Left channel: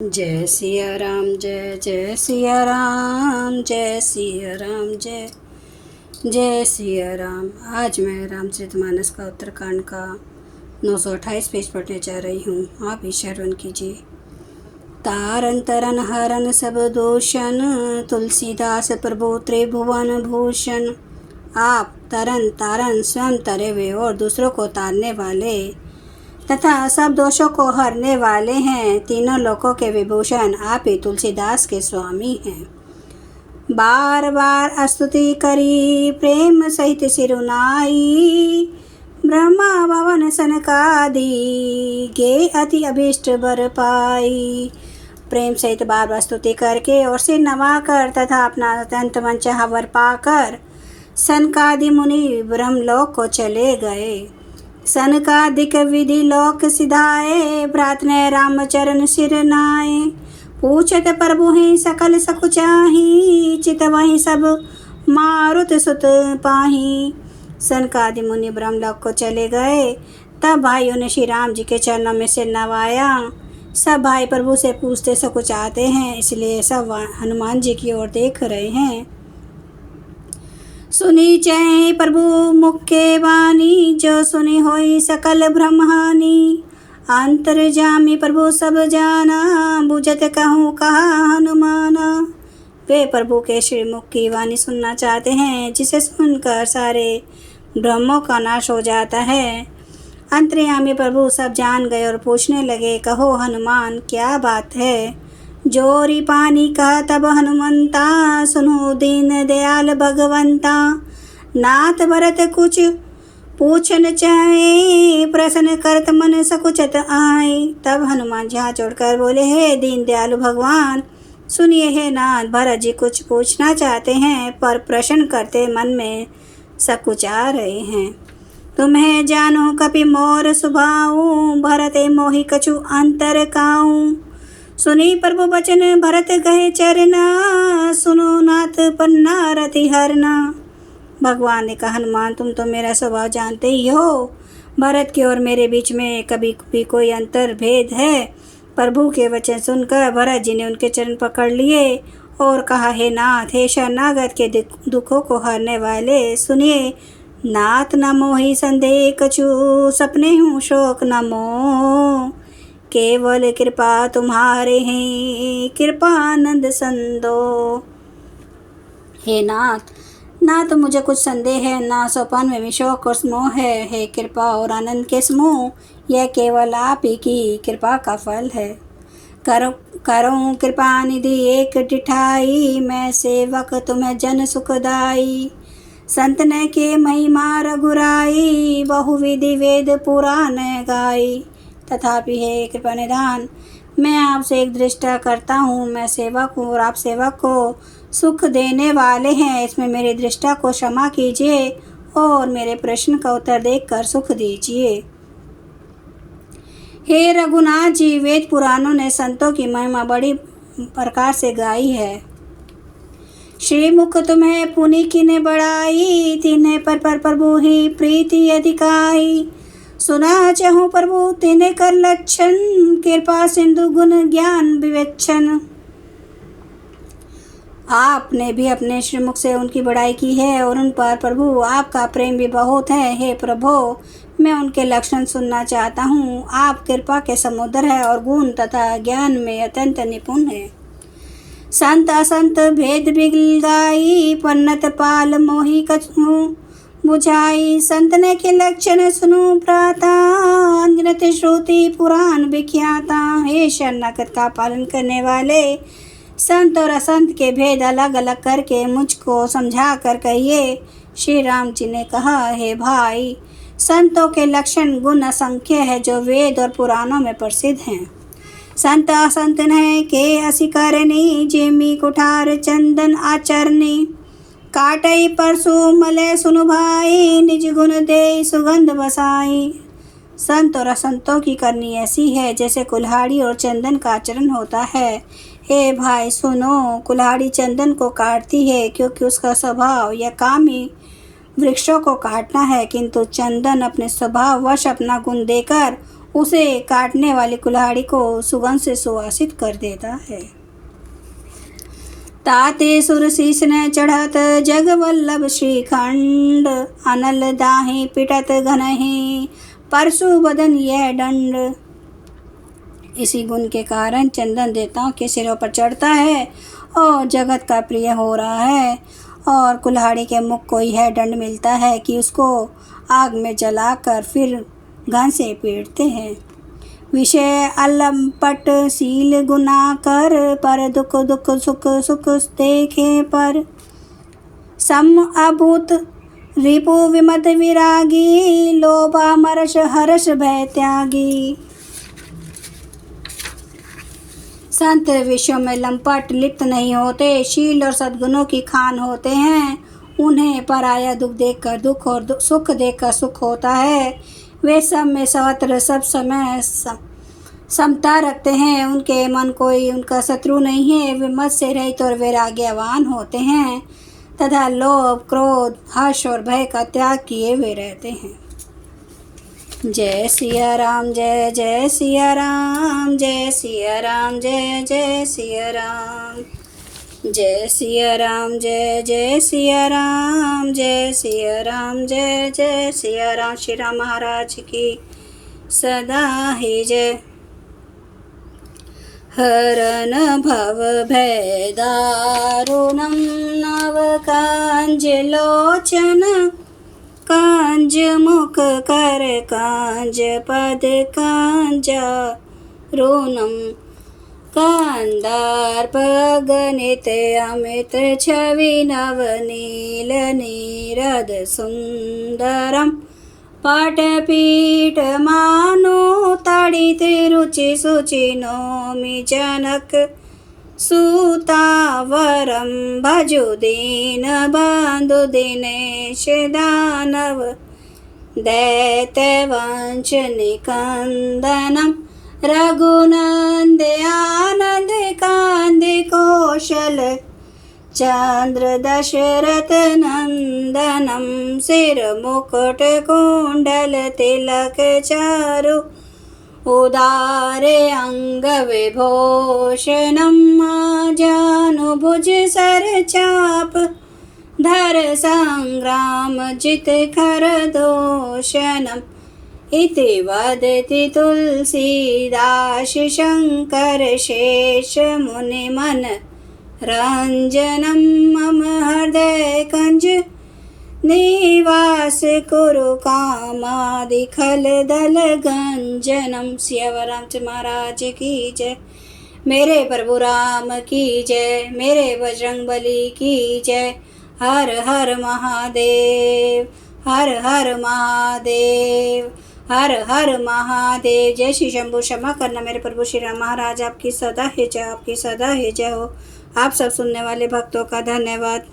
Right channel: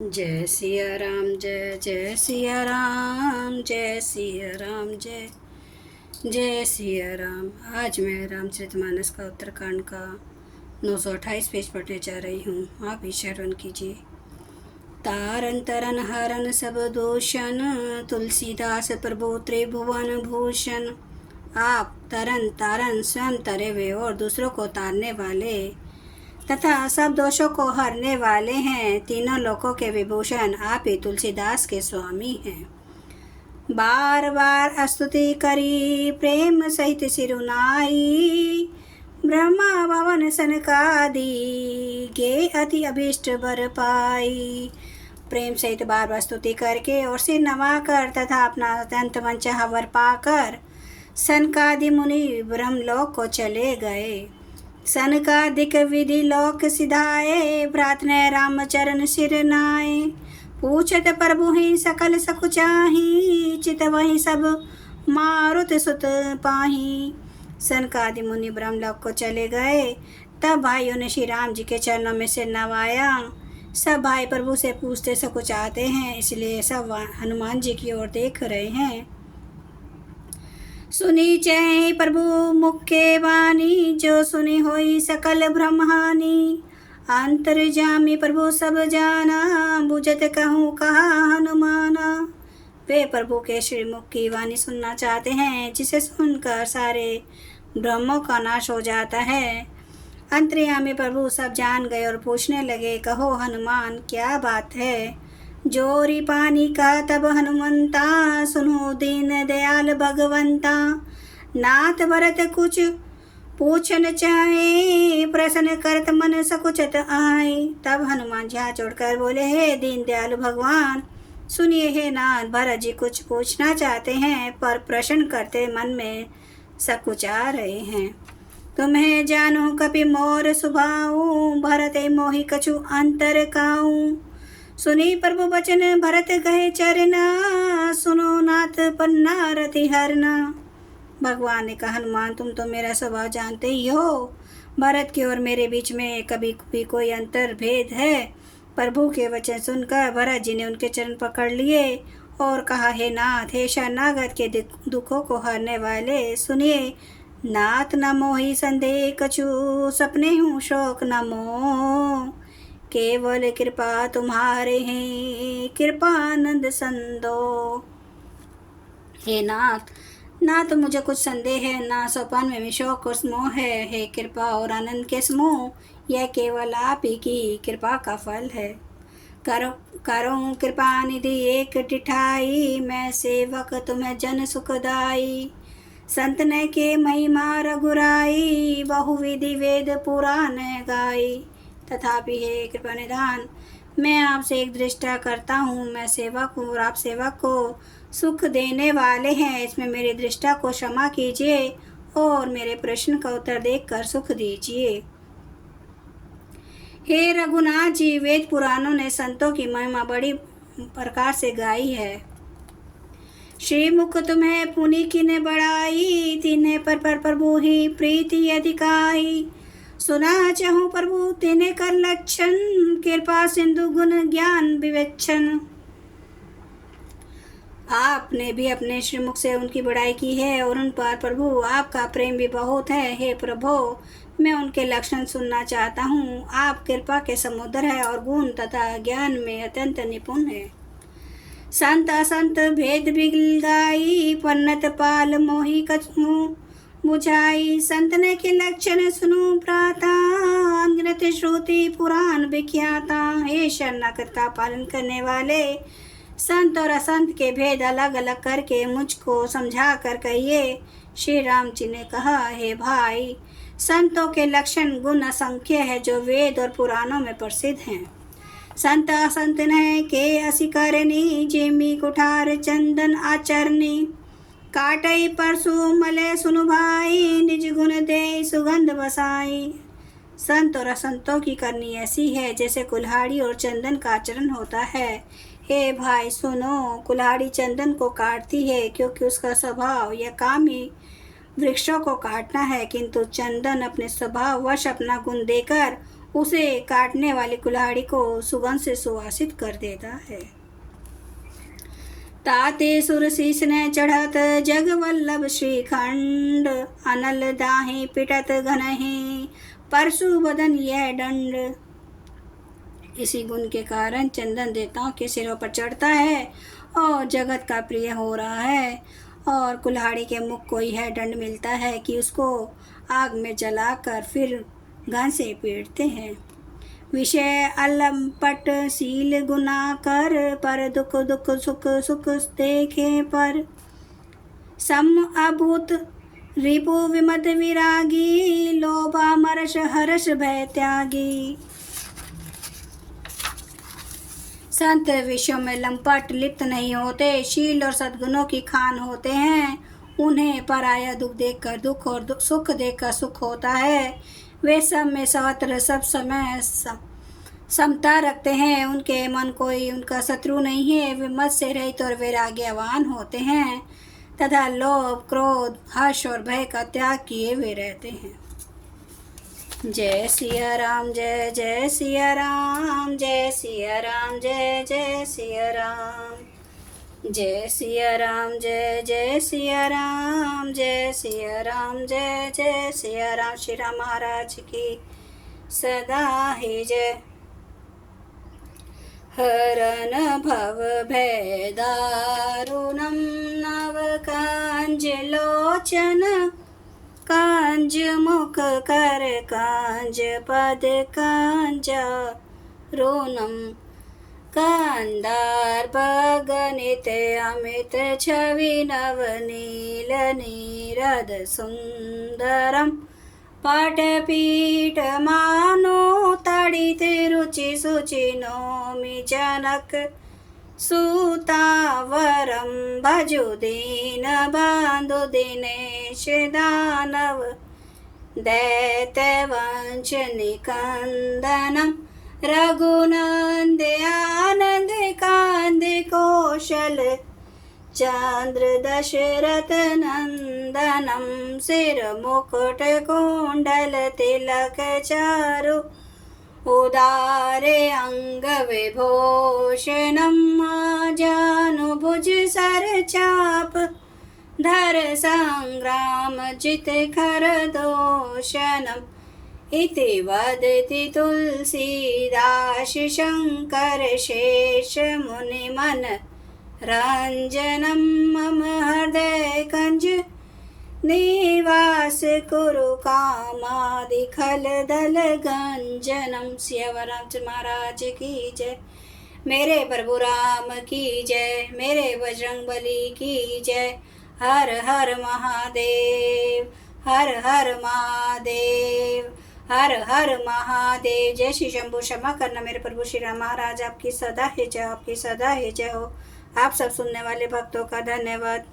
जय सिया राम, जय जय सिया राम, जय सिया राम, जय जय सिया राम। आज मैं रामचरितमानस का उत्तरकांड का 928 पेज पढ़ने जा रही हूँ। आप भी श्रवण कीजिए। तारन तरन हरन सब दोषन, तुलसीदास प्रभु त्रिभुवन भूषण। आप तरन तारन स्वयं तरे हुए और दूसरों को तारने वाले तथा सब दोषों को हरने वाले हैं। तीनों लोकों के विभूषण आप ही तुलसीदास के स्वामी हैं। बार बार स्तुति करी प्रेम सहित सिरुनाई, ब्रह्मा भवन सनकादि गे अति अभीष्ट बर पाई। प्रेम सहित बार बार स्तुति करके और सिर नवाकर तथा अपना अत्यंत मनचाहा वर पाकर सनकादि मुनि ब्रह्मलोक को चले गए। सनकादिक विधि लोक सिधाए, प्रार्थने राम चरण सिर नाए। पूछत प्रभु ही सकल सकुचाही, चित वही सब मारुत सुत पाही। सनकादि मुनि ब्रह्मलोक को चले गए। तब भाइयों ने श्री राम जी के चरणों में सिर नवाया। सब भाई प्रभु से पूछते सकुचाते हैं, इसलिए सब हनुमान जी की ओर देख रहे हैं। सुनी जय प्रभु मुख्य वाणी, जो सुनी होई सकल ब्रह्मानी। अंतर्जामी प्रभु सब जाना, बुझत कहूँ कहा हनुमाना। वे प्रभु के श्रीमुख की वाणी सुनना चाहते हैं, जिसे सुनकर सारे ब्रह्मों का नाश हो जाता है। अंतर्यामी प्रभु सब जान गए और पूछने लगे, कहो हनुमान क्या बात है। जोरी पानी का तब हनुमंता, सुनो दीन दयाल भगवंता। नाथ भरत कुछ पूछन चाहे, प्रश्न करत मन सकुचत आए। तब हनुमान जी हाथ जोड़कर बोले, हे दीन दयालु भगवान, सुनिए हे नाथ, भरत जी कुछ पूछना चाहते हैं पर प्रश्न करते मन में सकुचा रहे हैं। तुम्हें जानो कपि मोर सुभाऊ, भरत मोहि कछु अंतर काऊ। सुनी प्रभु बचन भरत गए चरना, सुनो नाथ पन्ना रति हरना। भगवान ने कहा, हनुमान तुम तो मेरा स्वभाव जानते ही हो। भरत के और मेरे बीच में कभी भी कोई अंतर भेद है। प्रभु के वचन सुनकर भरत जी ने उनके चरण पकड़ लिए और कहा, हे नाथ, हे शरणागत के दुखों को हरने वाले, सुनिए नाथ न मोहि संदेह कछु, सपने हूँ शोक न मोह। केवल कृपा तुम्हारे हैं, कृपानंद संदो। हे नाथ, ना तो मुझे कुछ संदेह है, ना सोपान में भी शोक और मोह है। हे कृपा और आनंद के समूह, यह केवल आप ही की कृपा का फल है। करो कृपा निधि एक टिठाई, मैं सेवक तुम्हें जन सुखदाई। संत ने के महिमा रघुराई, बहुविधि वेद पुराण गाई। तथापि हे कृपा निधान, मैं आपसे एक दृष्टा करता हूँ। मैं सेवक हूँ और आप सेवक को सुख देने वाले हैं। इसमें मेरी दृष्टा को क्षमा कीजिए और मेरे प्रश्न का उत्तर देकर सुख दीजिए। हे रघुनाथ जी, वेद पुराणों ने संतों की महिमा बड़ी प्रकार से गाई है। श्री मुख तुम्हें पुनि किने बढ़ाई, तिन्हें पर प्रभु ही प्रीति अधिकाई। सुना चाहूँ प्रभु तिन्हें कर लक्षण, कृपा सिंधु गुण ज्ञान विवेचन। आपने भी अपने श्रीमुख से उनकी बड़ाई की है और उन पर प्रभु आपका प्रेम भी बहुत है। हे प्रभु, मैं उनके लक्षण सुनना चाहता हूँ। आप कृपा के समुद्र है और गुण तथा ज्ञान में अत्यंत निपुण है। संत असंत भेद बिगलाई, पन्नत पाल मोहि कछु बुझाई। संत ने के लक्षण सुनु प्राता, अनगिनत श्रुति पुराण विख्याता। हे शरणागत का पालन करने वाले, संत और असंत के भेद अलग अलग करके मुझको समझा कर कहिए। श्री राम जी ने कहा, हे भाई, संतों के लक्षण गुण असंख्य है, जो वेद और पुराणों में प्रसिद्ध हैं। संत असंत ने के असी करनी, जेमी कुठार चंदन आचरनी। काटई परसु मले सुनु भाई, निज गुण दे सुगंध बसाई। संत और असंतों की करनी ऐसी है जैसे कुल्हाड़ी और चंदन का आचरण होता है। हे भाई सुनो, कुल्हाड़ी चंदन को काटती है क्योंकि उसका स्वभाव या काम ही वृक्षों को काटना है, किंतु चंदन अपने स्वभाव वश अपना गुण देकर उसे काटने वाली कुल्हाड़ी को सुगंध से सुवासित कर देता है। ताते सुर शीस ने चढ़त जग वल्लभ श्रीखंड, अनल दाही पिटत घनहि परशु बदन यह दंड। इसी गुण के कारण चंदन देवताओं के सिरों पर चढ़ता है और जगत का प्रिय हो रहा है, और कुल्हाड़ी के मुख को यह दंड मिलता है कि उसको आग में जलाकर फिर घन से पीटते हैं। विषय अलंपट शील गुना कर, पर दुख दुख सुख सुख देखे पर। सम अभूत रिपु विमत विरागी, लोभा मरस हर्ष भय त्यागी। संत विषयों में लंपट लिप्त नहीं होते, शील और सद्गुणों की खान होते हैं। उन्हें पराया दुख देखकर दुख और सुख देखकर सुख होता है। वे सब में सर्वत्र सब समय समता रखते हैं। उनके मन कोई उनका शत्रु नहीं है। वे मत से रहित और वैराग्यवान होते हैं तथा लोभ क्रोध हर्ष और भय का त्याग किए हुए रहते हैं। जय सिया राम, जय जय सिया राम, जय सिया राम, जय जय सिया राम, जय सिया राम, जय जय सिया राम, जय सिया राम, जय जय सिया राम। श्री राम महाराज की सदा ही जय। हरन भव भय दारुणं नव कांज लोचन, कांज मुख कर कांज पद कांजा रोनम। कांदार गणित अमित छवि नवनील नीरद सुंदरम। पाटपीठ मानो ताड़ित रुचि सुचि नौमि जनक सूतावरम। भजो दीन बंधु दिनेश दानव, दैत्य वंश निकंदनम। रघुनंद आनंद कांद कौशल चंद्र दशरथ नंदनम। सिर मुकुट कुंडल तिलक चारु, उदारे अंग विभूषणम। जानुभुज सर चाप धर संग्राम जित खर दोषणम। इति वदति तुलसीदास शंकर शेष मुनि मन रंजनम। मम हृदय कंज निवास कुरु कामादि खल दल गंजनम। सियावर रामचंद्र महाराज की जय। मेरे प्रभु राम की जय, मेरे बजरंगबली की जय। हर हर महादेव, हर हर महादेव, हर हर महादेव। जय श्री शंभु। क्षमा करना मेरे प्रभु श्री राम महाराज, आपकी सदा ही जय, आपकी सदा ही जय हो। आप सब सुनने वाले भक्तों का धन्यवाद।